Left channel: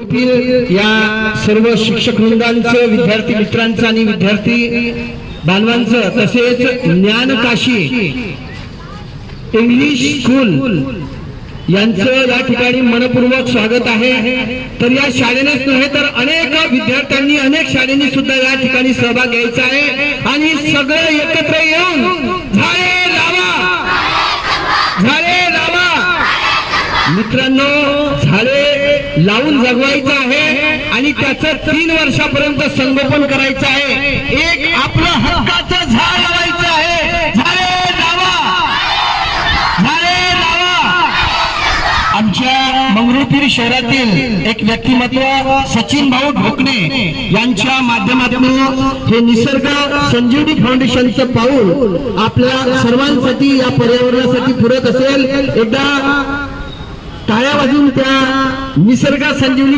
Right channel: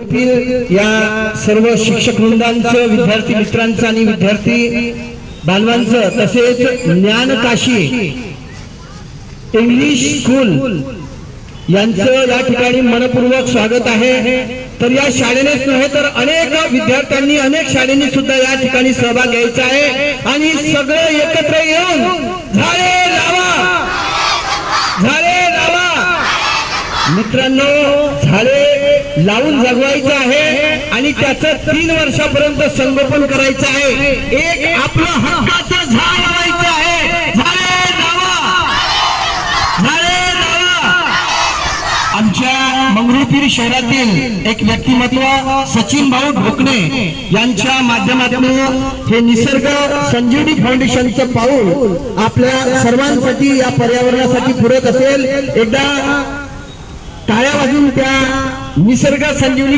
या सर्व शिक्षक वृंदांचं, विद्यार्थी मित्रांचं आणि विद्यार्थी बांधवांचं तसेच ज्ञानकाशी इंग्लिश स्कूल यांचं या ठिकाणी मनपूर्वक स्वागत आहे। तर या शाळेनेच नव्हे तर अनेक विद्यार्थ्यांनी अनेक शाळांनी सुद्धा या ठिकाणी सहभाग घ्यायचा आहे आणि सगळे एकत्र येऊन झाडे लावा, झाडे लावा। मित्रांनो, झाडे लावून जगवायचं आहे आणि त्याचं 3 वर्षापर्यंत संगोपन करायचं आहे। एक आपलं हक्काचं झाड लावायचं आहे। झाडे लावा, झाडे लावा। आमच्या मंगरुळपीर शहरातील एक व्यक्तिमत्व सचिन भाऊ ढोकणे यांच्या माध्यमातून हे निसर्ग संजीवनी फाउंडेशनचं पाऊल आपल्या सर्वांसाठी या पर्यावरणासाठी पुरत असेल। एकदा टाळ्या वाजून त्या निसर्ग संजीवनी